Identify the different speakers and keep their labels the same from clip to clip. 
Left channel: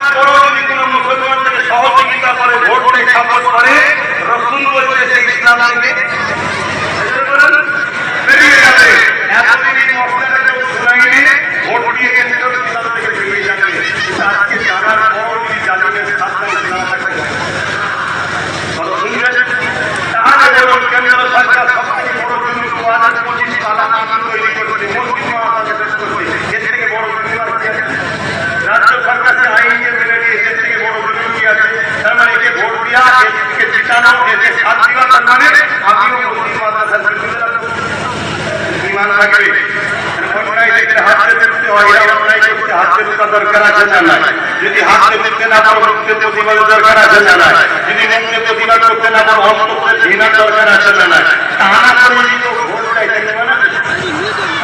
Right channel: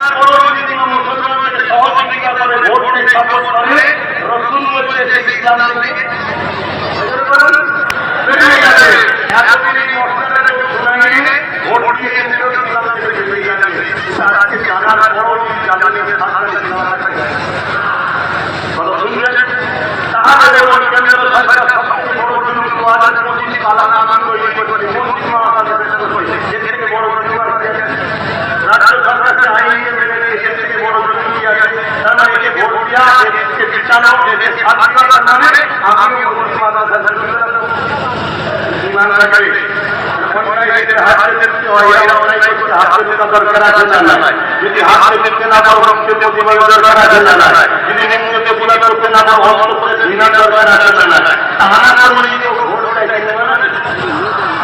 Speaker 1: বড় যদি কোনো মুসলমান থেকে সহযোগিতা করে ভোট নেই সাপোর্ট করে, রসুল বলছে সে ইসলাম থেকে। বেরিয়ে যাবে। এতদিন এই মশলাটা কেউ শোনায়নি, ভোট দিয়ে কিন্তু ইসলাম থেকে বেরিয়ে যাবে। আজকে জানার পরও যদি জানবেন সাতটা ইসলাম আছে। কথা শুনছেন? তাহলে বলুন, কেন্দ্র সরকার সব থেকে বড় জুলুম দু হাজার পঁচিশ কালা কানুন তৈরি করছে মন্ত্রী মাথা পেশ করছে এর থেকে বড় জুলুম আর কি আছে রাজ্য সরকার যে আইনকে মেনে নিয়েছে এর থেকে বড় কি আছে তার মানে একে ভোট দেওয়া এদেরকে জিতানো, এদেরকে সাথ দেওয়া, তার মানে আমিও মুসলিম মাদ্রাসার বিরোধিতা ইমান থাকবে। অন্যায় দেখলে হাতে রুখতে এরা অন্যায় করতে হাতে রুকা দরকার আছে না নাই? যদি হাতে রুখতে না পারো, মুক্তে প্রতিবাদ দরকার আছে না যদি মুক্তে প্রতিবাদ করতে না পারো, অন্তরে ঘৃণার দরকার আছে না করে যদি কেউ ভোট দেয় তাই ইমান আছে?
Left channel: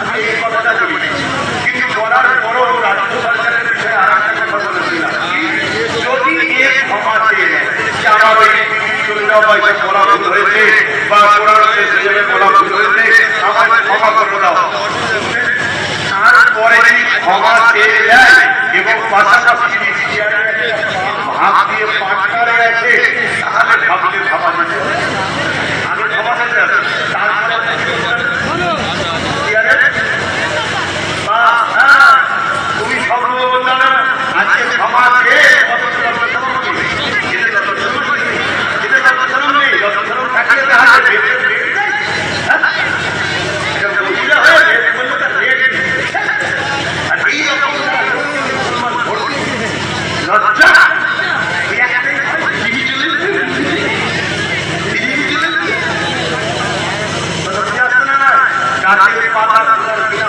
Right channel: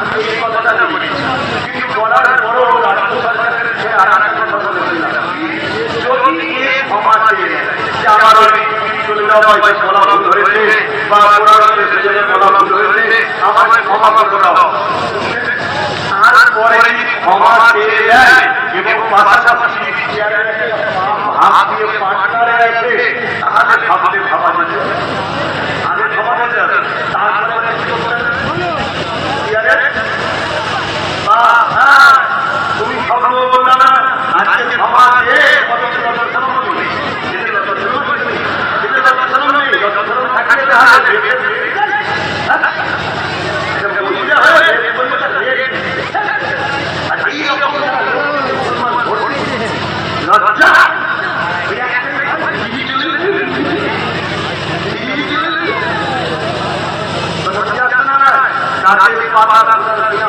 Speaker 1: আমি এই কথাটা বলি কিন্তু বলার পরও বিষয়ে আরেকটা কথা বলেছিলাম যদি এ ক্ষমা চেয়ে যে আমার ওই চলে যাওয়া বা বলা ভুল হয়েছে বা কোরআন সেজন্য বলা ভুল হয়েছে আমায় ক্ষমা করে দাও তারপরে যদি ক্ষমা চেয়ে দেয় এবং পাশাপাশি যদি একটা ভাব দিয়ে পাটনারে আছে তাহলে ভাবলে ভাবা যেতে। আগে ক্ষমা যেতে হবে তারপরে কি করতে হবে? চেয়ারে বাহ, হ্যাঁ, তুমি স্বপ্ন বললাম না আজকে ক্ষমা চেয়ে কত লজ্জাশরম নেই এদের লজ্জাশরম নেই এদের লজ্জাশরম নেই লজ্জাশরম থাকলে তাহলে রেটের রেট যায় হ্যাঁ? এটা মহিলা হয়ে রেট করলে তার রেট আর এই রকম একটা লোক মুসলমান ভোট দিচ্ছে। লজ্জা এই একটাই হয়, দিদি চলে এসছে। দিদি চলে এসছে। কথা বুঝে আসছে না না? গাছের পাতা খোলার কিনা